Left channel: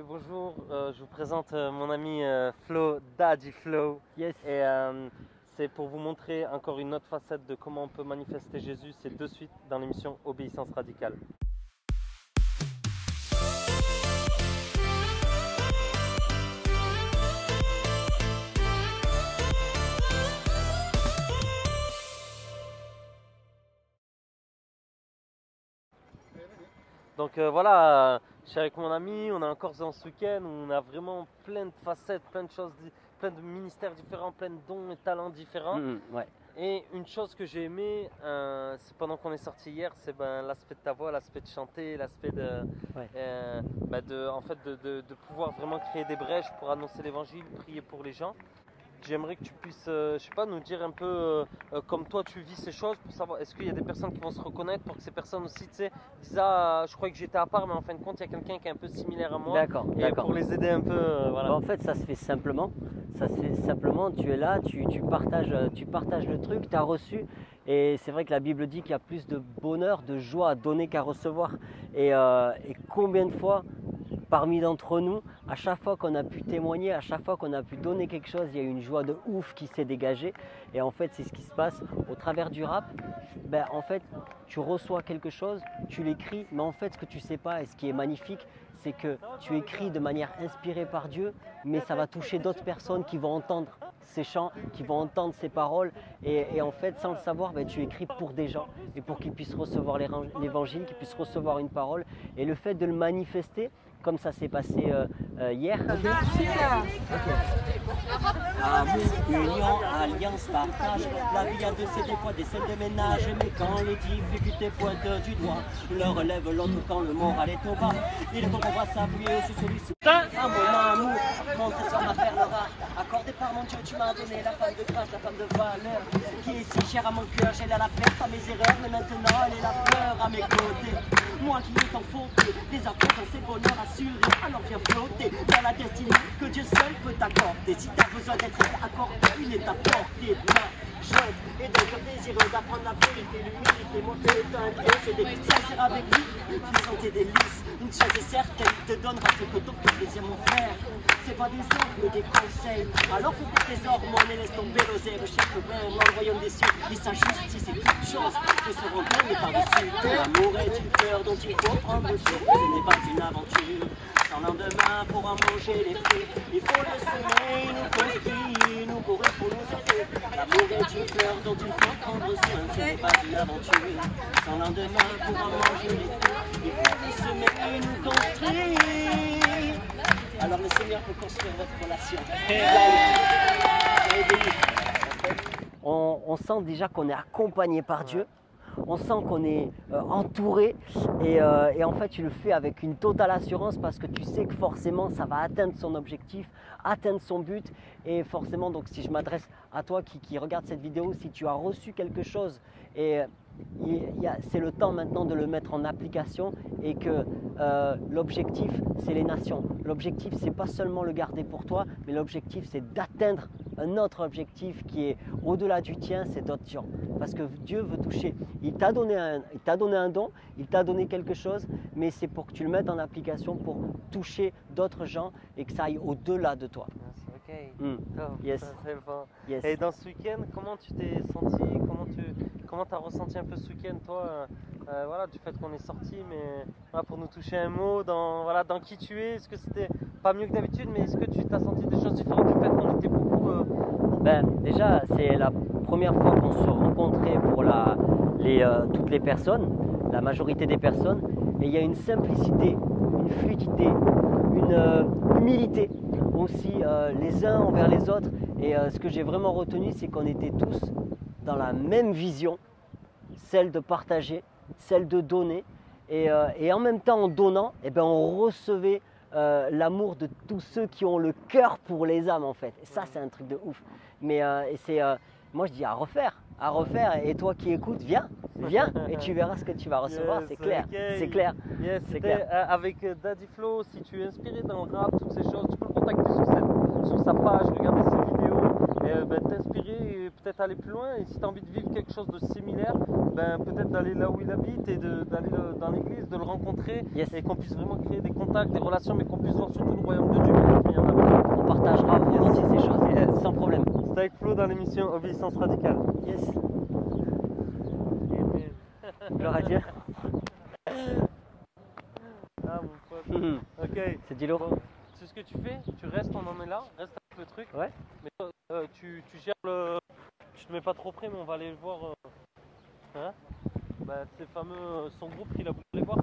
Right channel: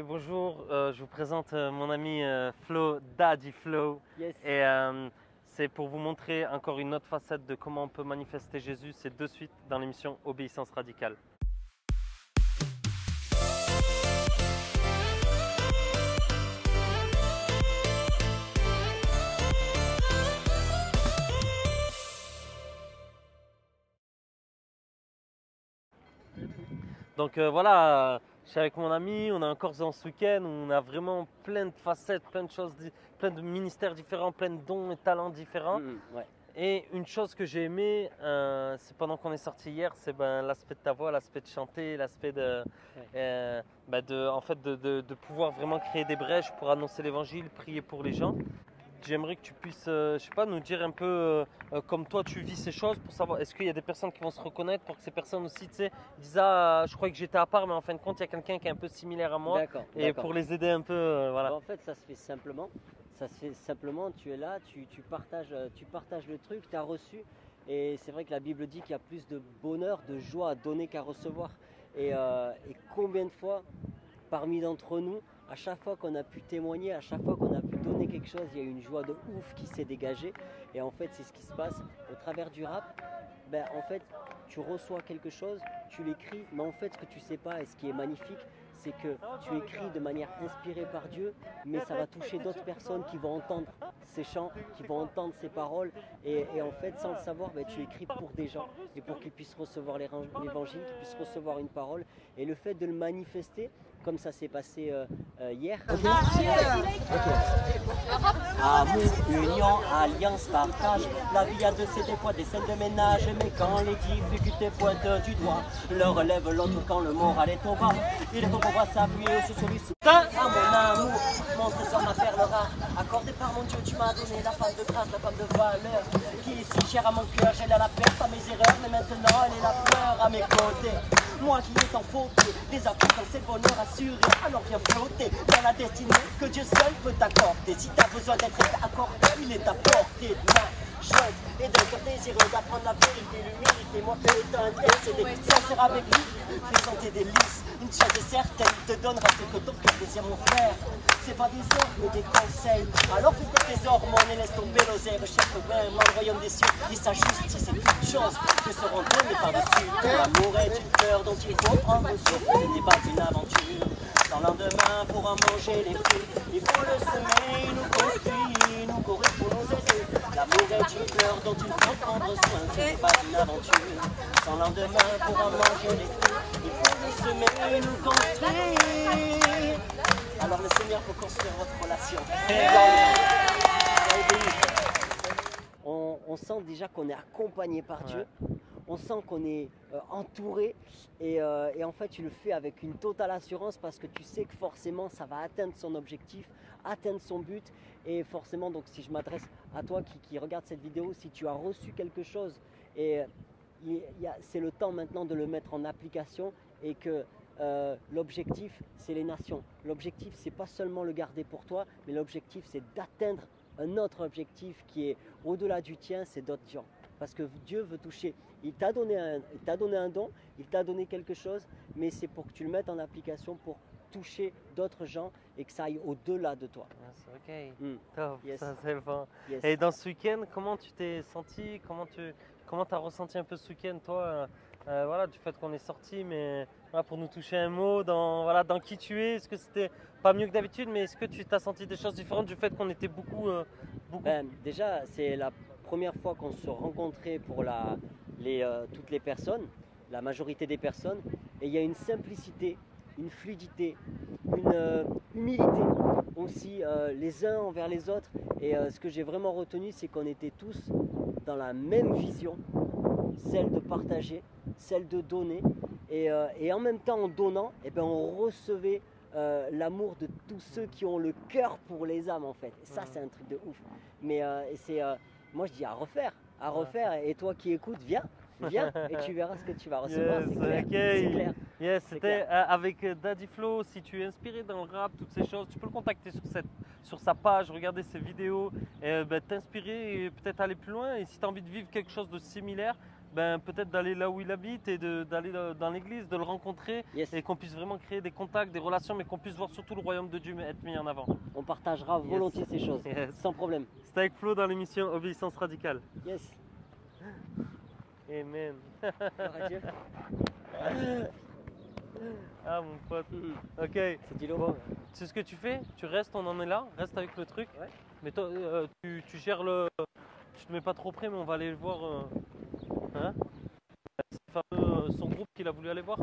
bonjour, je vous présente mon ami Flo, Daddy Flo. Yes. Et c'est pour vous montrer encore une autre facette de comment on peut manifester Jésus. C'est de suite dans l'émission Obéissance radicale. Donc voilà, je suis avec mon ami, on est encore dans ce week-end où on a vraiment plein de facettes, plein de choses, plein de ministères différents, plein de dons et talents différents. Ouais. Et une chose que j'ai aimé, c'est pendant qu'on est sorti hier, c'est l'aspect de ta voix, l'aspect de chanter, l'aspect de, de pouvoir vraiment créer des brèches pour annoncer l'évangile, prier pour les gens. J'aimerais que tu puisses, je sais pas, nous dire un peu comme toi tu vis ces choses pour savoir est-ce qu'il y a des personnes qui vont se reconnaître pour que ces personnes aussi, tu sais, disent ah, je croyais que j'étais à part, mais en fin de compte il y a quelqu'un qui est un peu similaire à moi. D'accord. Pour les aider un peu, voilà. En fait, ça se fait simplement. Tu es là, tu partages le truc, tu as reçu. Et c'est vrai que la Bible dit qu'il y a plus de bonheur, de joie à donner qu'à recevoir. Et combien de fois, parmi d'entre nous, à chaque fois qu'on a pu témoigner, à chaque fois qu'on a pu donner quelque chose, il y a une joie de ouf qui s'est dégagée. Et en fait, c'est ce qui se passe au travers du rap. En fait, tu reçois quelque chose, tu l'écris, mais en fait, ce que tu sais pas et ce qui est magnifique, c'est que tu écris de manière inspirée par Dieu, mais ça va toucher d'autres personnes qui vont entendre ces chants, qui vont entendre ces paroles. Et en fait, sans le savoir, tu écris pour des gens et pour qu'ils puissent recevoir l'évangile, qu'ils puissent recevoir une parole. Et le fait de le manifester, comme ça s'est passé hier. Amour, union, alliance, partage. La vie a de ces des fois des scènes de ménage. Mais quand les difficultés pointent du doigt, le relève l'autre quand le moral est au bas. Il est temps qu'on va s'appuyer sur celui-ci. Oh mon amour, mon trésor, ma perle rare. Accordé par mon Dieu, tu m'as donné la femme de grâce, la femme de valeur. Qui est si chère à mon cœur, j'ai la paix, pas mes erreurs, mais maintenant elle est la fleur à mes côtés. Moi qui est en faute, des apôtres, c'est le bonheur assuré. Alors viens flotter dans la destinée que Dieu seul peut t'accorder. Si t'as besoin d'être accordé, il est à portée de main. Chante et donc désireux d'apprendre la vérité, l'humilité, montrer le temps intercédé. Sincère avec lui, faisant tes délices. Une chose est certaine, il te donnera ce que ton plaisir, mon frère. C'est pas des ordres, mais des conseils. Alors faut pas tes ordres, moi, mais laisse tomber l'oseille. Chaque problème, dans le royaume des cieux, il sa justice et toutes choses qui seront données par-dessus. L'amour est une fleur dont il faut prendre sur que ce n'est pas une aventure. Sans lendemain pour en manger les fruits, il faut le soleil nous construit, nous courir pour nous aider. L'amour est une fleur dont il faut prendre soin, ce n'est pas une aventure. Sans lendemain pour en manger les fruits, il faut le soleil nous construire. Alors le Seigneur peut construire votre relation. On sent déjà qu'on est accompagné par Dieu, on sent qu'on est entouré et en fait tu le fais avec une totale assurance parce que tu sais que forcément ça va atteindre son objectif, atteindre son but et forcément donc si je m'adresse à toi qui regarde cette vidéo, si tu as reçu quelque chose et c'est le temps maintenant de le mettre en application et que l'objectif c'est les nations. L'objectif c'est pas seulement le garder pour toi, mais l'objectif c'est d'atteindre un autre objectif qui est au-delà du tien, c'est d'autres gens. Parce que Dieu veut toucher. Il t'a donné un don, il t'a donné quelque chose, mais c'est pour que tu le mettes en application pour toucher d'autres gens et que ça aille au-delà de toi. Ok. Yes. C'est bon. Yes. Et dans ce week-end, comment tu t'es senti? Comment tu as ressenti un peu ce week-end, toi, voilà, du fait qu'on est sorti, mais voilà, pour nous toucher un mot dans qui tu es? Est-ce que c'était pas mieux que d'habitude, mais est-ce que tu t'as senti des choses différentes du fait qu'on était beaucoup déjà, c'est la première fois qu'on se rencontrait pour toutes les personnes, la majorité des personnes, et il y a une simplicité, une fluidité, une humilité aussi les uns envers les autres. Et ce que j'ai vraiment retenu, c'est qu'on était tous dans la même vision, celle de partager, celle de donner. Et en même temps, en donnant, on recevait l'amour de tous ceux qui ont le cœur pour les âmes en fait. Et ça, c'est un truc de ouf. Mais moi je dis à refaire. Et toi qui écoutes, viens et tu verras ce que tu vas recevoir. C'est clair. Okay. C'est clair. Yes, c'était avec Daddy Flo. Si tu es inspiré dans le rap, toutes ces choses, tu peux le contacter sur cette sur sa page, regarder ses vidéos et t'inspirer et peut-être aller plus loin. Et si tu as envie de vivre quelque chose de similaire, peut-être d'aller là où il habite et d'aller dans l'église, de le rencontrer et qu'on puisse vraiment créer des contacts, des relations, mais qu'on puisse voir surtout le royaume de Dieu il y en avait. On partagera volontiers ces choses sans problème. C'était avec Flo dans l'émission Obéissance Radicale. Yes. Amen. Gloire à Dieu. Ah mon pote. Ok. C'est dit Laurent. C'est ce que tu fais, tu restes, on en est là, reste avec le truc. Ouais. Mais toi, tu gères le. Tu te mets pas trop près, mais on va aller le voir. Ces fameux sous-groupes qu'il a voulu aller voir.